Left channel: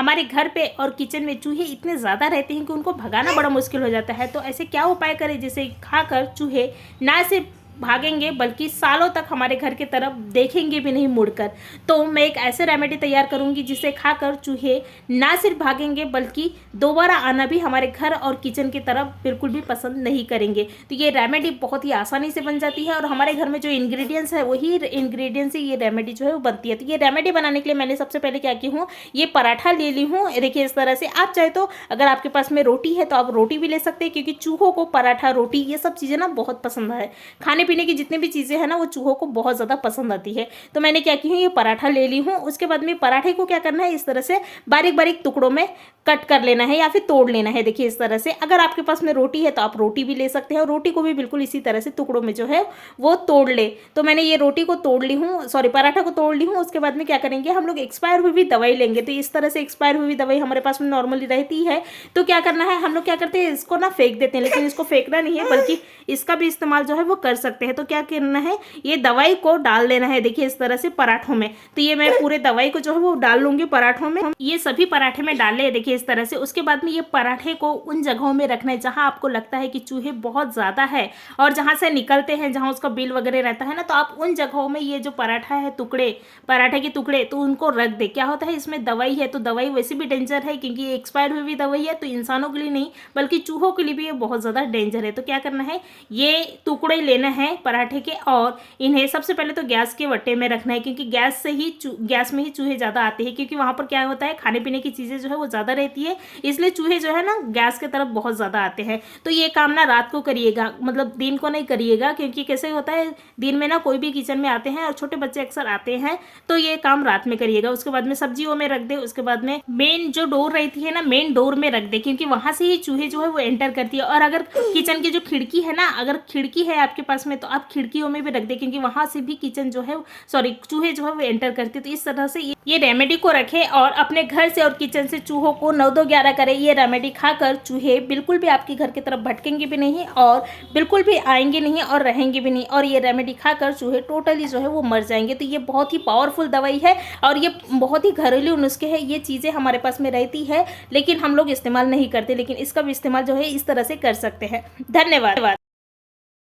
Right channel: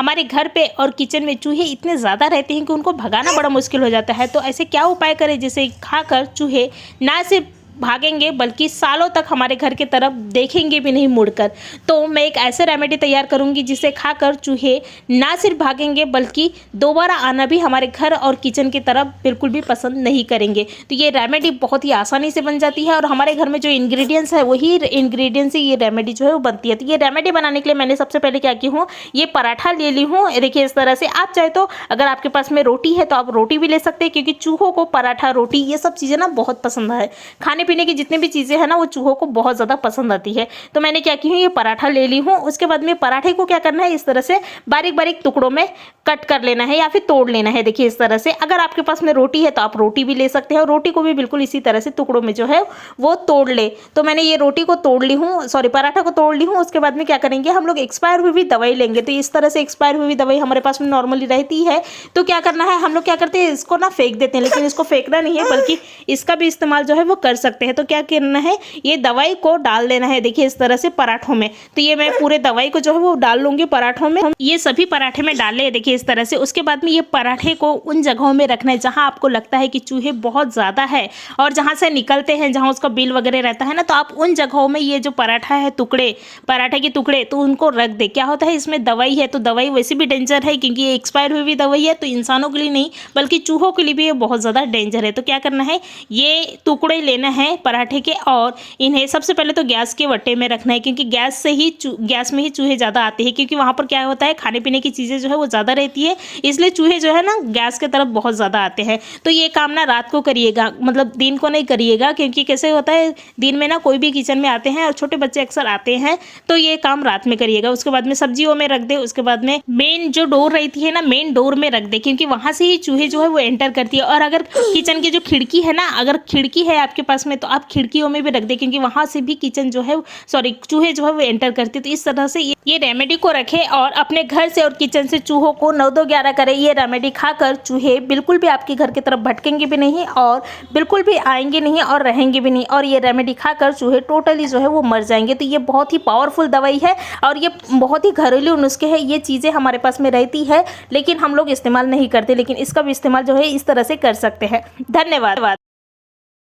हमारे घर पे और किचन में चूहे इतने ज़्यादा रहते हैं कि उनको भगाना बड़ा मुश्किल हो जाता है। तो ऐसे क्या उपाय करें जिसे खाकर चूहे ना सिर्फ भागेंगे बल्कि सालों तक हमारे घर की तरफ देखेंगे भी नहीं मुड़कर। तो मैं एक ऐसे रेमेडी तैयार करूंगी जिसे खाकर चूहे ना सिर्फ भागेंगे बल्कि दोबारा आना भी हमारे घर और किचन की तरफ बिल्कुल भी पसंद नहीं करेंगे। तो ये रेमेडी बहुत ही आसानी से बन जाती है और हमारे घर में जो इंग्रेडिएंट्स है वही इंग्रेडिएंट्स से ये रेमेडी जो है वो बनती है। तो ये रेमेडी बनाने के लिए मैंने सबसे पहले क्या की हूँ, ये पराठा ले ली हूँ। देखिए इस तरह से आप चाहे तो अगर आपके पास में रोटी है तो आप रोटी भी ले सकते हैं, क्योंकि चूहों को पराठा रोटी ये सब चीज़ें ना बहुत पसंद है। खाने पीने की जितनी भी चीज़ें हैं ना वो चूहों को बहुत ज़्यादा पसंद आती है। तो मैंने क्या की हूँ, ये पराठा ले ली हूँ। उसके बाद में पराठे को क्या करना है, इस तरह से बारीक बारीक टुकड़ों में कट कर लेना है या फिर तोड़ लेना है। देखिए इस तरह से, अगर आपके पास में रोटी है तो आप रोटी भी ले सकते हैं और रोटी को भी बिल्कुल इसी तरह से टुकड़ों में जो है वो तोड़ ले। तो मैंने ये रोटी को तोड़ ली हूँ, सॉरी पराठा को तोड़ ली हूँ। उसके बाद में क्या करेंगे, हम लोग एक्सपायर हुई भी दवाई लेंगे। तो इस तरह से एक्सपायर हुई दवाई हमारे पास में नॉर्मली रहती है। तो क्या करना है, हम लोग क्या करते हैं, इसको ना फेंक देते हैं, लेकिन इसको फेंकना नहीं है बल्कि इसका भी इस्तेमाल जो है वो कर सकते हैं। तो क्या करना है, ये दवाई को डाल देना है। देखिए इस तरह से पराठों में। तो ये मैं पूरे दवाई को जो है वो डाल लूंगी पराठों में। हम ये सभी पराठे में डाल ले, देखिए इस तरह से। उसके बाद में ये पराठे को उन जगहों में रखना है जहां आपको लगता है कि चूहे बहुत ज़्यादा है और जहां से निकलते हैं, जहां उसका बिल वगैरह रहता है ना, तो आप उन जगहों में ये जो पराठा है टुकड़े, पराठे के टुकड़े, तो उनको रख दे। क्या होता है, इसमें दवाई है तो दवाई वैसे भी डेंजर है क्योंकि ये एक्सपायर हुई हुई दवाई है। तो इंसानों के लिए नहीं बल्कि चूहों के लिए भी ये बहुत ज़्यादा डेंजर है। तो क्या करना है, ये टुकड़े लेना है पराठे के और इन्हें सबसे पहले तो गैस के वट्टे में रखना है, क्योंकि गैस में ही चूहे ज़्यादा आते हैं। क्योंकि वहाँ पर क्या होता है, खाने पीने की चीज़ें जो है वो ज़्यादा रहती है, इसलिए चूहे जो है ना गैस के तरफ बहुत ज़्यादा आते हैं। तो ये काम ना रात को करिएगा, मतलब दिन को नहीं करिएगा, क्योंकि कैसे होता है दिन में ना कोई भी किचन में आते हैं और छोटे बच्चे अक्सर आते हैं। तो ये काम रात में करिएगा। उसके बाद में सब्जियों में रख दे। उसके बाद में मेन जो डोर रहती है ना, मेन डोर में रख दे, क्योंकि वहाँ से ही चूहे जो है वो एंटर करती है। और अगर किचन की जो खिड़की है ना, अगर खिड़की है आपके पास में तो आप खिड़कियों में भी रख दे, क्योंकि वहाँ से भी किचन जो है सॉरी चूहे जो है वो एंटर करते हैं। तो इस तरह से ये रेमेडी को रखें और अपने घर से और किचन से चूहों को 9-2-11 करें। ये रेमेडी खाकर चूहे बिल्कुल भी आपके घर की तरफ भटकेंगे भी नहीं और बिल्कुल भी आएंगे नहीं और रहेंगे भी नहीं। और ये रेमेडी खाकर चूहे टोटली जो है वो मर जाएंगे। तो ये बहुत ही पावरफुल दवाई है और ये बहुत ही घरेलू नुस्खे हैं। ये चीज़ें हमारे पास में रहती है लेकिन हम लोग इस्तेमाल नहीं करते, लेकिन इसका भी इस्तेमाल जो है इस तरह से कर सकते हैं। धन्यवाद।